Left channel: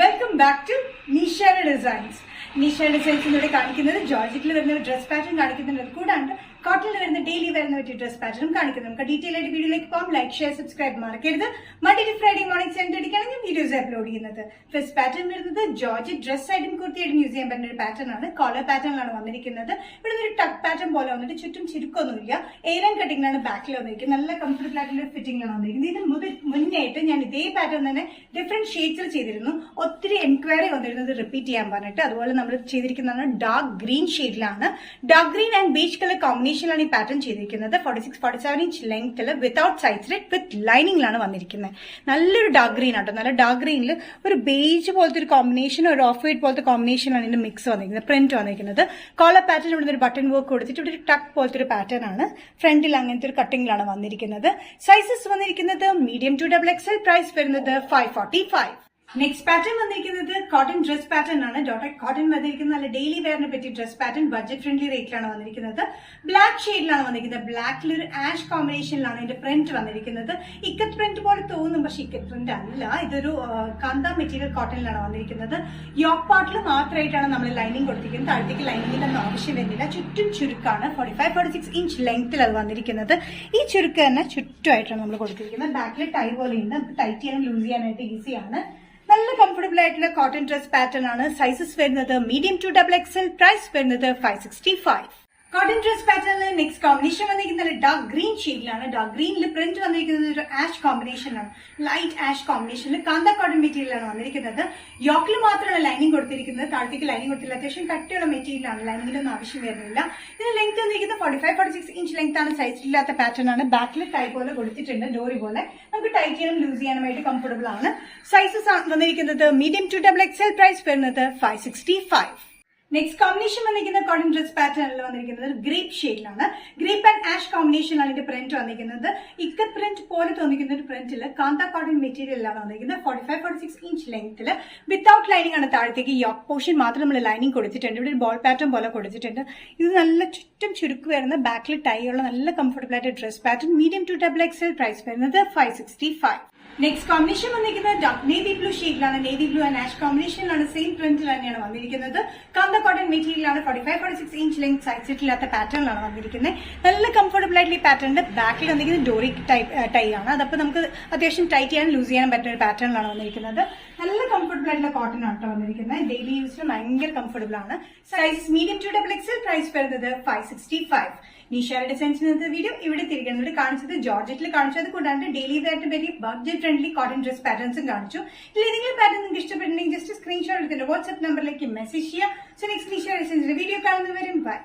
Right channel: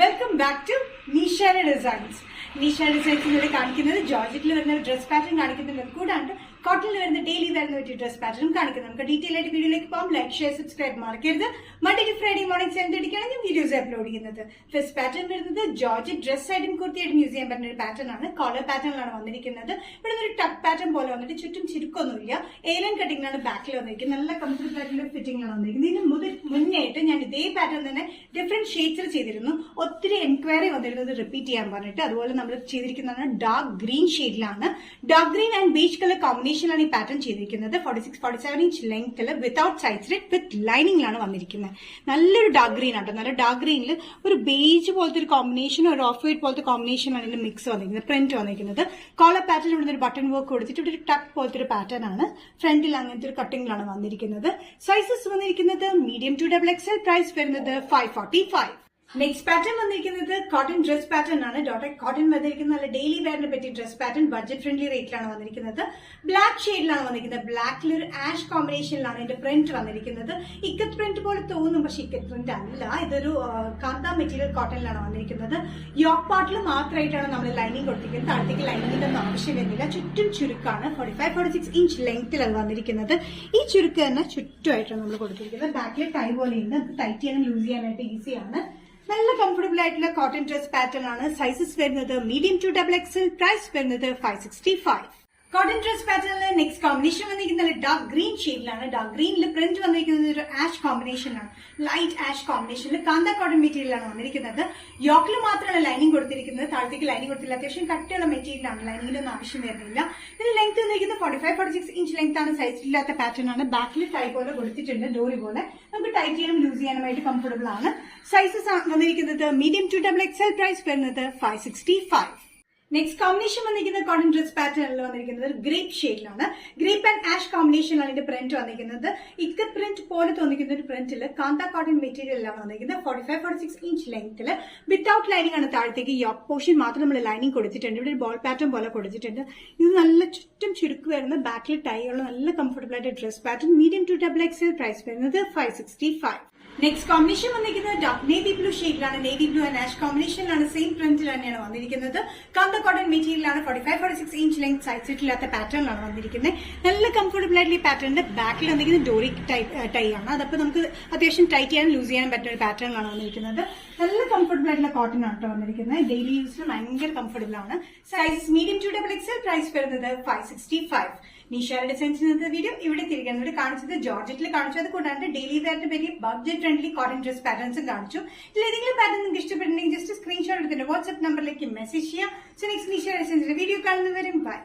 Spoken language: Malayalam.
Welcome back to Nisha designs. Nisha ഡിസൈൻസിലൂടെ കാണിക്കുന്നത് ജോർജറ്റിൽ വരുന്ന ഡ്രസ് പാറ്റേൺ കാണിക്കുന്നുണ്ട്. കൂടാണ്ട് കോട്ടണിൽ വരുന്ന ഡെയിലി വരുന്ന പറ്റിയ ഡ്രസ് പാറ്റേൺ കാണിക്കുന്നത്. നമുക്ക് ഡീറ്റെയിൽ ആയിട്ട് വീഡിയോയിലേക്ക് പോകാം. ലൈക്ക്, ഷെയർ, സബ്സ്ക്രൈബ് മറക്കരുത്. മൺഡേ ടു ഫ്രൈഡേ മോർണിംഗ് 7:30 ഞാൻ വീഡിയോസ് അപ്ലോഡ് ചെയ്യുന്നത്. ഫസ്റ്റ് പാറ്റേൺ വരുന്നത് ജോർജറ്റ് ഡ്രസ് ആയിട്ടും കുർത്തിയായിട്ടും യൂസ് ചെയ്യാൻ പറ്റുന്ന ഒരു പാറ്റേൺ ആണ്. കോളർ പാറ്റേണിലാണ് വന്നിരിക്കുന്നത്. ഇവിടെ ഒരു ടക്ക് പാറ്റേൺ പോലെ വന്നിട്ട് ചുറ്റും ചുരുക്കൊന്നുമില്ല. ഏലം കട്ടിങ്ങിലാണ് ബാക്കിൽ വന്നിരിക്കുന്നത്. നല്ല കംഫർട്ടബിൾ ആയിട്ടുള്ള ഫിറ്റിംഗിലാണ് വന്നിരിക്കുന്നത്. ഇതിന് മുന്നായിട്ട് ഞാൻ ഇതേ പാറ്റേൺ തന്നെ ഡിഫറെന്റ് ഷെയ്ഡ്സിൽ ചെയ്തിരുന്നു. ഒത്തിരി എൻക്വയറി വന്നിരുന്നത് റിപ്പീറ്റ് ചെയ്യാൻ പറഞ്ഞിട്ട്. അതുപോലെ നമ്മൾ ചെയ്തിരിക്കുന്നത് ഡാർക്ക് ഗ്രീൻ ഷെയ്ഡിലാണ്. Dark green and beach colour കോമ്പിനേഷനിലാണ് ഈ പാറ്റേൺ ചെയ്തിരിക്കുന്നത്. 46-47 ഇഞ്ച് ലെങ്ത്തിൽ വിത്തൌട്ട് സൈഡ് സ്ലിറ്റ് വിത്ത് ലൈനിങ്ങിലാണ് വന്നിരിക്കുന്നത്. നല്ലൊരു ഡാർക്ക് ഗ്രീൻ ആട്ടോ. നല്ല ഡാർക്ക് ഗ്രീനിൽ ഒരു ബേജ് പോലത്തെ ഒരു കോമ്പിനേഷൻ, ഒരു ഓഫ് വൈറ്റ് പോലത്തെ കോമ്പിനേഷനാണ് ഇതിന്റെ മിക്സ് വന്നിരിക്കുന്നത്. പ്രിന്റ് വന്നിരിക്കുന്നത് കോളർ പാറ്റേൺ ഇവിടെ ഒരു ബട്ടൺ വർക്ക് കൊടുത്തിട്ട് ഇവിടെ ഒരു ടക്ക് പോലത്തെ ഒരു പാറ്റേൺ ആണ്. ഫ്രണ്ടിൽ അങ്ങനത്തെ ഒരു കട്ടിങ്ങിലാണ് വന്നിരിക്കുന്നത്. സൈസസ് വന്നിരിക്കുന്നത് മീഡിയം ടു XXL. പ്രൈസ് വരുന്നത് 545. നെക്സ്റ്റ് പാറ്റേൺ വന്നിരിക്കുന്നത് കോട്ടൺ ഡ്രസ് പാറ്റേൺ ആണ്. ഡോട്ടഡ് കോട്ടൺ വന്നിരിക്കുന്നത് നല്ല ഡെയിലി വെയറിനെ പറ്റിയ ഡ്രസ് പാറ്റേൺ. ബഡ്ജറ്റ് ഫ്രണ്ട്ലി റേറ്റിലാണ് വന്നിരിക്കുന്നത്. ബ്ലാക്ക് ഷെയ്ഡിലാണ് വന്നിരിക്കുന്നത്. ബ്ലാക്കിൽ ഒരു ആഷ് കോമ്പിനേഷനിലാണ് ഇതിന്റെ പ്രിന്റ് വന്നിരിക്കുന്നത്. ഇക്കത്ത് പ്രിന്റ് പോലെ തോന്നും, പക്ഷെ ഇക്കത്ത് പ്രിന്റ് അല്ല. ഇതൊരു കാന്ത മെറ്റീരിയൽ കോട്ടണിലാണ് വന്നിരിക്കുന്നത്. യോക്ക് പാർട്ടിൽ മാത്രമായിട്ടാണ് നമ്മൾ ലൈനിങ് കൊടുത്തിരിക്കുന്നത്. താഴത്തേക്ക് ലൈനിങ്ങിന്റെ ഒന്നും ആവശ്യം വരുന്നില്ല. ചുറ്റും ചുരുക്കാണ്. 45-46 ഇഞ്ച് ലെങ്ത്തിൽ അത് വന്നിരിക്കുന്നത്. ഈ ചുരുക്ക് തന്നെ ചുറ്റുമായിട്ടാണ് നമ്മൾ കൊടുത്തിരിക്കുന്നത്. ബാക്കിൽ ടൈ പോലെയുണ്ട്. നമുക്ക് ടൈറ്റ് ചെയ്യാനും ലൂസ് ചെയ്യാനായിട്ട് ഈസിയാണ്. നല്ല കംഫർട്ടബിൾ ആയിട്ടുള്ള കോട്ടൺ ഡ്രസ് പാറ്റേൺ ആണ്. സൈസസ് വരുന്നത് മീഡിയം ടു XXL. പ്രൈസ് വരുന്നത് 565. കോട്ടൺ ഡ്രസ് പാറ്റേണിൽ നെക്സ്റ്റ് കോമ്പിനേഷൻ വന്നിരിക്കുന്നത് ഡാർക്ക് ഗ്രീൻ ഷെയ്ഡിലാണ്. ഡാർക്ക് ഗ്രീനിൽ പ്രിന്റ് വന്നിരിക്കുന്നത് ഒരു ആഷ് കോമ്പിനേഷനാണ്. ലൈറ്റ് ആഷ് കോമ്പിനേഷനിൽ കാന്ത കോട്ടൺ മെറ്റീരിയലാണ് വന്നിരിക്കുന്നത്. യോക്കിൽ മാത്രമാണ് ലൈനിങ് കൊടുത്തിരിക്കുന്നത്. താഴത്തേക്ക് ലൈനിങ് കൊടുത്തില്ല. അത്യാവശ്യം കട്ടിയുള്ള മെറ്റീരിയലാണ്. ലൈനിങ്ങിലൊന്നും ആവശ്യം വരുന്നില്ല. ഇതിന് ലെങ്ത് വന്നിരിക്കുന്നത് 45-46 ഇഞ്ച് ലെങ്ത് ആണ്. സൈസ് ഇല്ലാത്ത പാറ്റേൺ ആണ്. ബാക്കിൽ ടൈ പോലെ കൊടുത്തിട്ടുണ്ട്. ഡോറി പോലെ നമുക്ക് ടൈറ്റ് ചെയ്യാനും ലൂസ് ചെയ്യാനുമായിട്ട് കംഫർട്ടബിൾ ആണ്. സൈസസ് വന്നിരിക്കുന്നത് മീഡിയം ടു XXL. പ്രൈസ് വരുന്നത് 565. നെക്സ്റ്റ് കോമ്പിനേഷൻ വന്നിരിക്കുന്നത് കോട്ടൺ ഡ്രസ് പാറ്റേണിൽ വന്നിരിക്കുന്നത് ഗ്രേപ്പ് ഷെയ്ഡിലാണ്. ഗ്രേപ്പ് ആൻഡ് ആഷ് കോമ്പിനേഷനാണ് ഇതിന്റെ പ്രിന്റ് വന്നിരിക്കുന്നത്. ഇക്കത്ത് പ്രിന്റ് പോലെ തോന്നിക്കുന്ന ഒരു പ്രിന്റിൽ കാന്ത കോട്ടൺ മെറ്റീരിയലാണ് വന്നിരിക്കുന്നത്. 45-46 ഇഞ്ച് ലെങ്ത്തിൽ വിത്തൌട്ട് ലൈനിങ് ആണ്. താഴത്തേക്ക് യോക്ക് പോർഷൻ മാത്രം നമ്മൾ ലൈനിങ് കൊടുത്തിട്ടുണ്ട്. ഇവിടെ ഒരു ബോൾ പാറ്റേൺ പോലെ കൊടുത്തിട്ടുണ്ട്. ഇത് നല്ല ചുറ്റും ചുരുക്ക് വരുന്ന ബാക്കിൽ ടൈ ഉള്ള നല്ല കംഫർട്ടബിൾ ആയിട്ട് dress pattern. Medium to XXL. Price വരുന്നത് 565. നെക്സ്റ്റ് കോമ്പിനേഷൻ വന്നിരിക്കുന്നത് നേവി ബ്ലൂ ഷെയ്ഡിലാണ്. നേവി ബ്ലൂ ആൻഡ് ആഷ് കോമ്പിനേഷനിലാണ്. സെയിം പ്രിന്റിൽ തന്നെയാണ് വന്നിരിക്കുന്നത്. കാന്ത കോട്ടൺ മെറ്റീരിയലാണ്. 45-46 ഇഞ്ച് ലെങ്ത് സൈസ് ഇല്ലാത്ത പാറ്റേണിലാണ് വന്നിരിക്കുന്നത്. നല്ല കംഫർട്ടബിൾ ആയിട്ടുള്ള ഈ പാറ്റേണിന്റെ ബാക്കിൽ വന്നിരിക്കുന്നത് ഡോറി ടൈ ആണ്. അതപ്പോൾ നമുക്ക് അത്യാവശ്യം ടൈറ്റ് ചെയ്യാൻ ലൂസ് ചെയ്യാൻ പറ്റുന്ന ഒരു പാറ്റേണിലാണ് വന്നിരിക്കുന്നത്. നല്ല കംഫർട്ടബിൾ ആയിട്ടുള്ള കോട്ടൺ ആണ് വന്നിരിക്കുന്നത്. ഡെയിലി യൂസിന് ഭയങ്കര കംഫർട്ടബിൾ ആണ്. Size medium to XXL. Price വരുന്നത് 565. നിഷയുടെ ഡിസൈൻസിന്റെ വീഡിയോ ഇവിടെ തിരികെ കാണിച്ചത് ജോർജറ്റിൽ കാണിച്ചത്. കൂടാണ്ട് ഡെയിലി വെയറിന് പറ്റിയ ബഡ്ജറ്റ് ഫ്രണ്ട്ലി കോട്ടൺ ഡ്രസ് പാറ്റേൺസും കാണിച്ചു. ഇതിൽ ഏതെങ്കിലും പാറ്റേൺ നിങ്ങൾക്ക് ഇഷ്ടപ്പെട്ടുണ്ടെങ്കിൽ ജസ്റ്റ് സ്ക്രീൻഷോട്ട് എടുത്തിട്ട് വാട്സ്ആപ്പ് നമ്പറിലേക്ക് മെസ്സേജ് ചെയ്യാം. സോ നെക്സ്റ്റ് നിഷയുടെ ഡിസൈൻസിന്റെ വീഡിയോ കാണുന്നവരും ബൈ.